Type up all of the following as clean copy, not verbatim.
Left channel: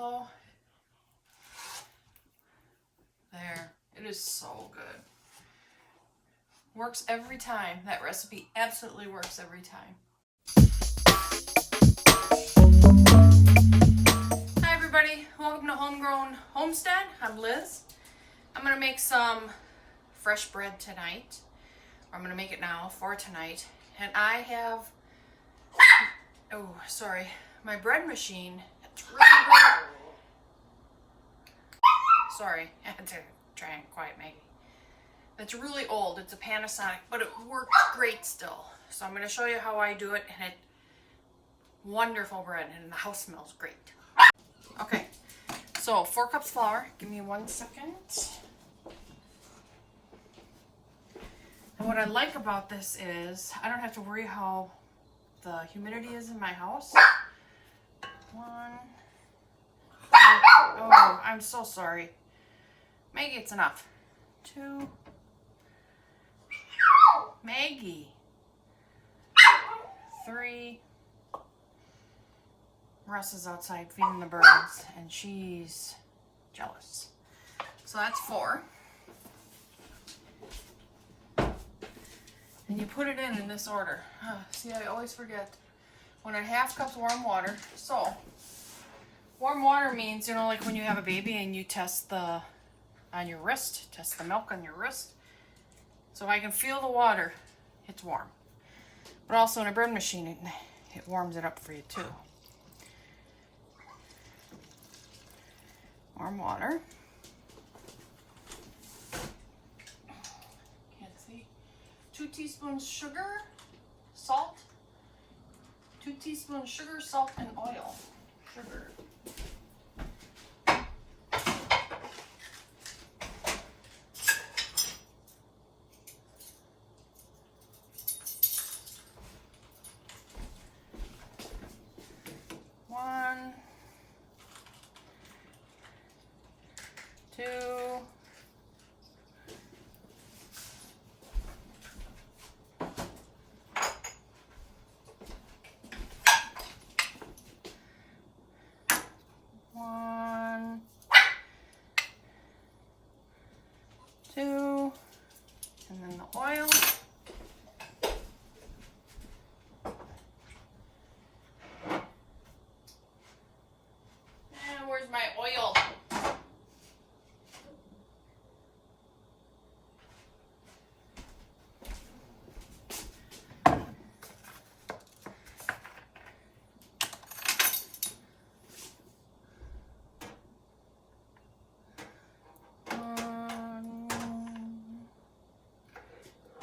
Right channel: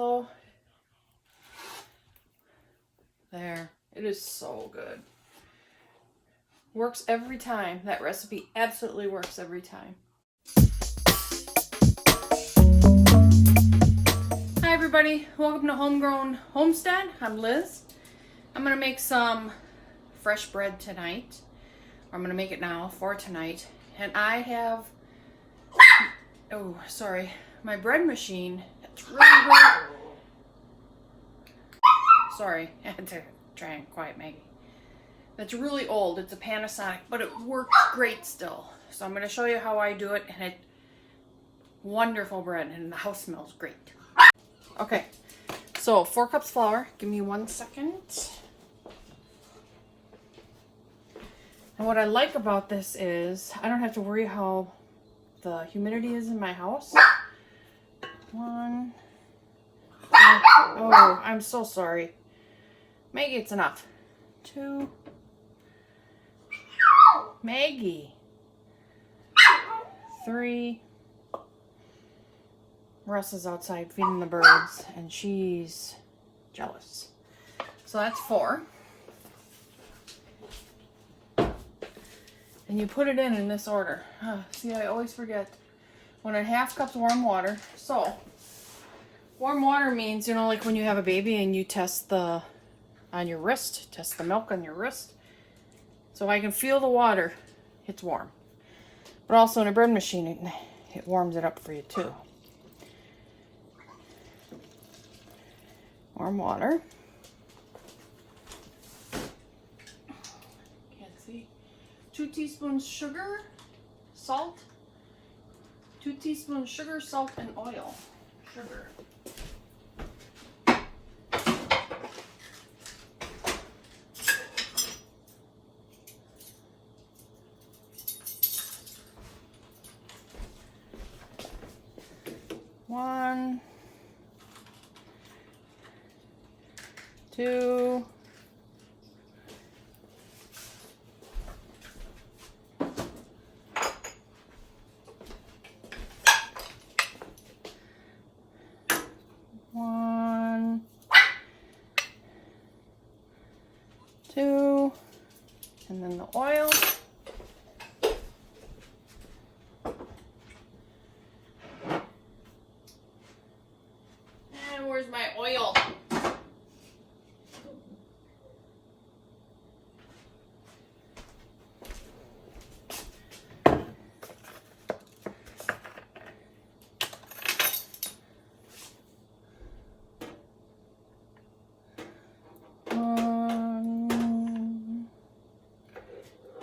So, there. It is so good. Works every time. That recipe absolutely works every time. Hi everybody, welcome to Homegrown Homestead. I'm Liz. I'm going to make some fresh bread tonight. I'm going to make it now for tonight. And I have, my bread machine. It's really good. Sorry, I had to try and quiet Maggie. It's really old. It's a Panasonic, but it works great still. So I'm going to show you how I do it, and it's wonderful bread, and the house smells great. Okay, so 4 cups flour. Give me 1 second. And what I like about this is I don't have to worry how the humidity is in my house. 1. Oh, I'm so sorry. Maggie, it's enough. 2. Maggie. 3. Russ is outside feeding the birds, and she's jealous. So that's 4. And you put it in this order. See, I always forget. 1.5 cups warm water. So, warm water means, you know, like when you have a baby and you test the on your wrist, test the milk on your wrist. So I can feel the water, it's warm. But also in a bread machine, it warms it up for you too. Warm water. Can't see. 2 teaspoons sugar, salt. 2 teaspoons sugar, salt, and oil. Sugar. One, 2, 1, 2, and then the oil. And where's my oil?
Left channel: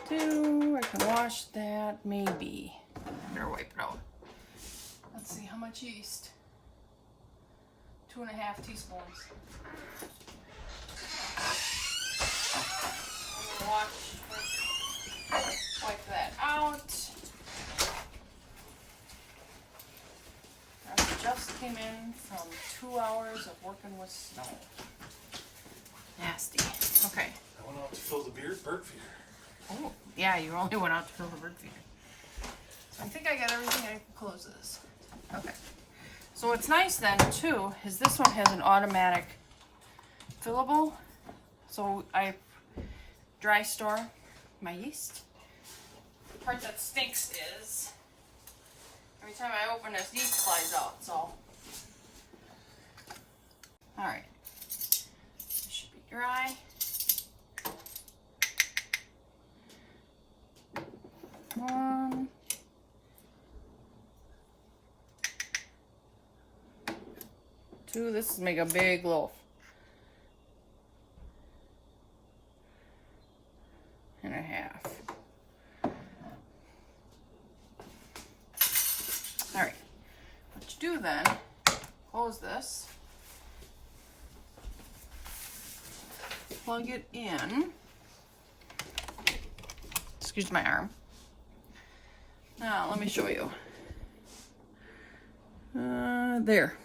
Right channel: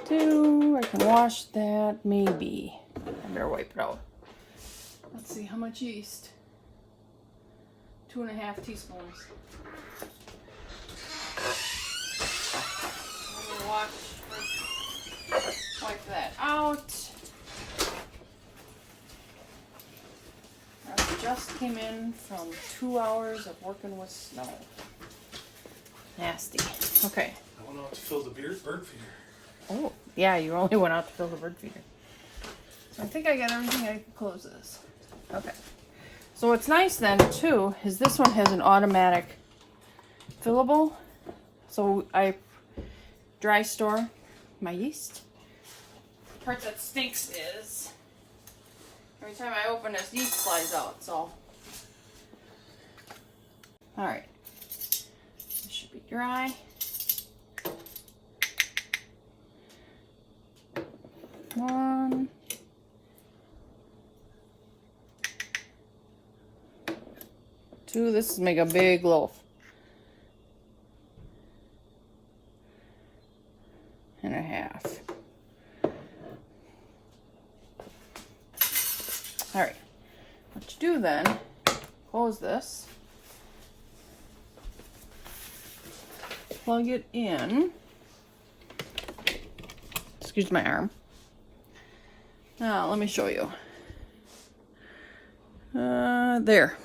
I can wash that, maybe. I better wipe it out. Let's see, how much yeast? 2.5 teaspoons. I'm gonna wipe that out. I just came in from 2 hours of working with snow. Nasty. Okay. I went out to fill the bird feeder. Oh, yeah, you only went out to fill the bird feeder. So I think I got everything. I can close this. Okay. So what's nice then, too, is this one has an automatic fillable. So I dry store my yeast. The part that stinks is every time I open this, yeast flies out. So, alright. This should be dry. 1, 2. This is make a big loaf. And a half. All right. What you do then? Close this. Plug it in. Excuse my arm. Now, let me show you. There.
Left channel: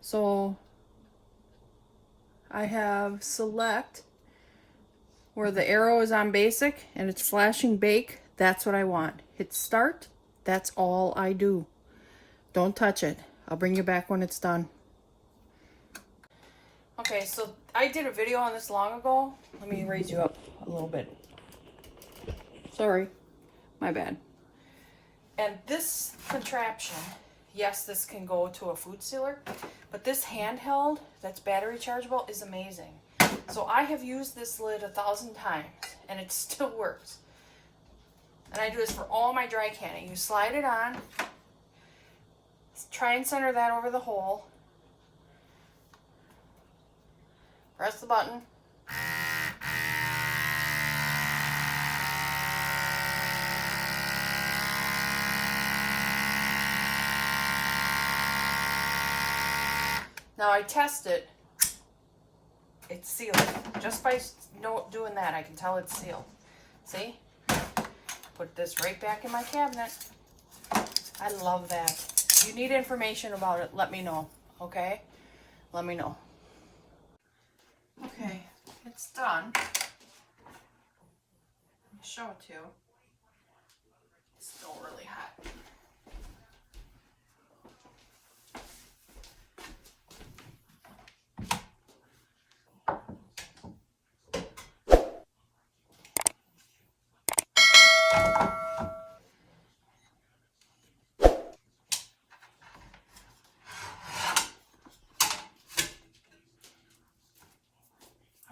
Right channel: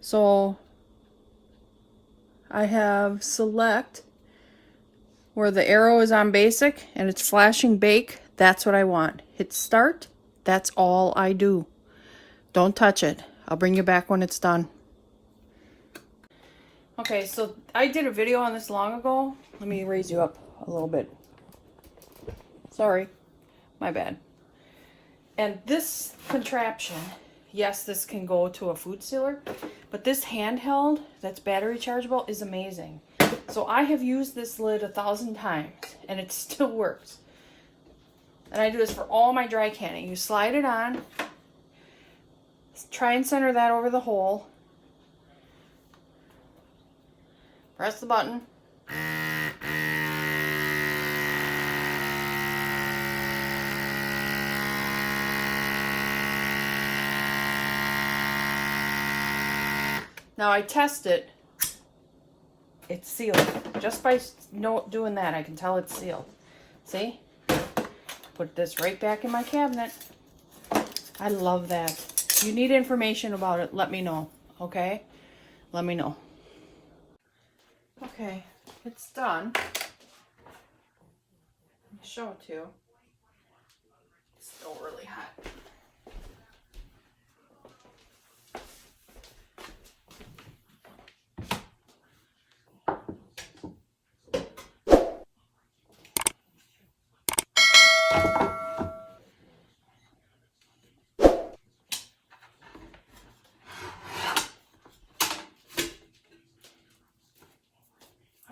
So, I have select where the arrow is on basic and it's flashing bake. That's what I want. Hit start. That's all I do. Don't touch it. I'll bring you back when it's done. Okay, so I did a video on this long ago. Let me raise you up a little bit. Sorry, my bad. And this contraption, yes, this can go to a food sealer, but this handheld that's battery chargeable is amazing. So I have used this lid 1,000 times and it still works. And I do this for all my dry canning. You slide it on, try and center that over the hole, press the button. Now I test it. It's sealed. Just by doing that, I can tell it's sealed. See? Put this right back in my cabinet. I love that. If you need information about it, let me know. Okay? Let me know. Okay, it's done. I'll show it to you. It's still really hot.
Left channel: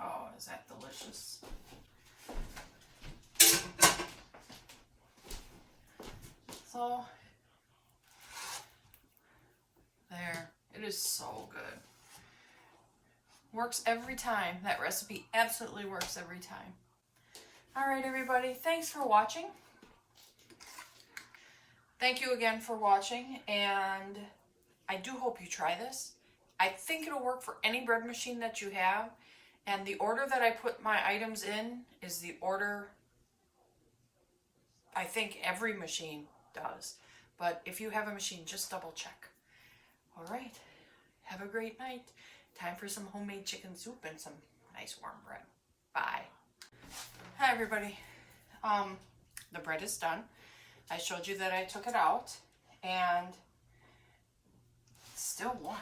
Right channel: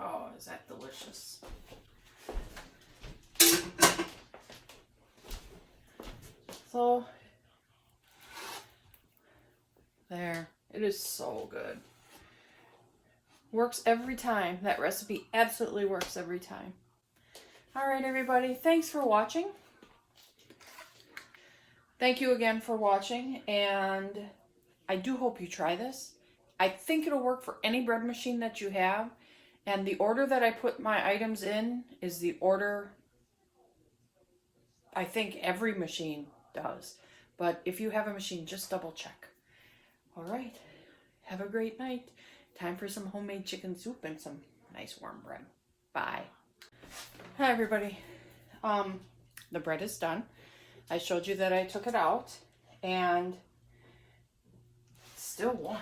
Oh, is that delicious? So, there. It is so good. Works every time. That recipe absolutely works every time. Alright, everybody. Thanks for watching. Thank you again for watching, and I do hope you try this. I think it'll work for any bread machine that you have, and the order that I put my items in is the order I think every machine does. But if you have a machine, just double check. Alright, have a great night. Time for some homemade chicken soup and some nice warm bread. Bye. Hi, everybody. The bread is done. I showed you that I took it out, and it's still warm.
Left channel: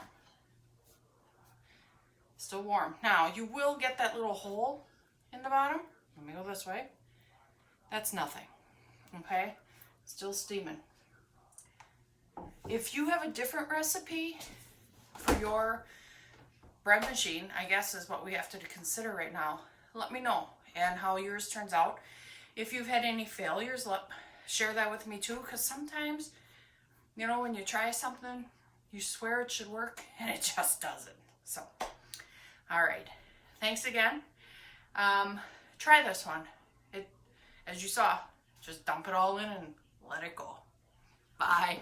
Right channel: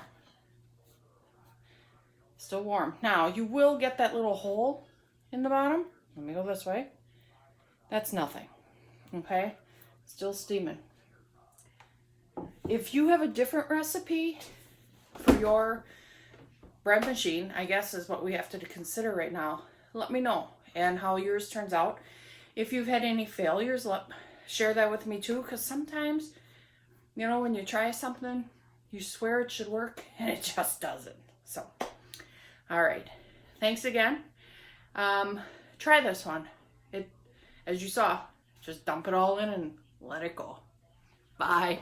Still warm. Now, you will get that little hole in the bottom. Let me go this way. That's nothing. Okay? Still steaming. If you have a different recipe for your bread machine, I guess is what we have to consider right now, let me know and how yours turns out. If you've had any failures, share that with me too, because sometimes, you know, when you try something, you swear it should work, and it just doesn't. So, all right. Thanks again. Try this one. As you saw, just dump it all in and let it go. Bye.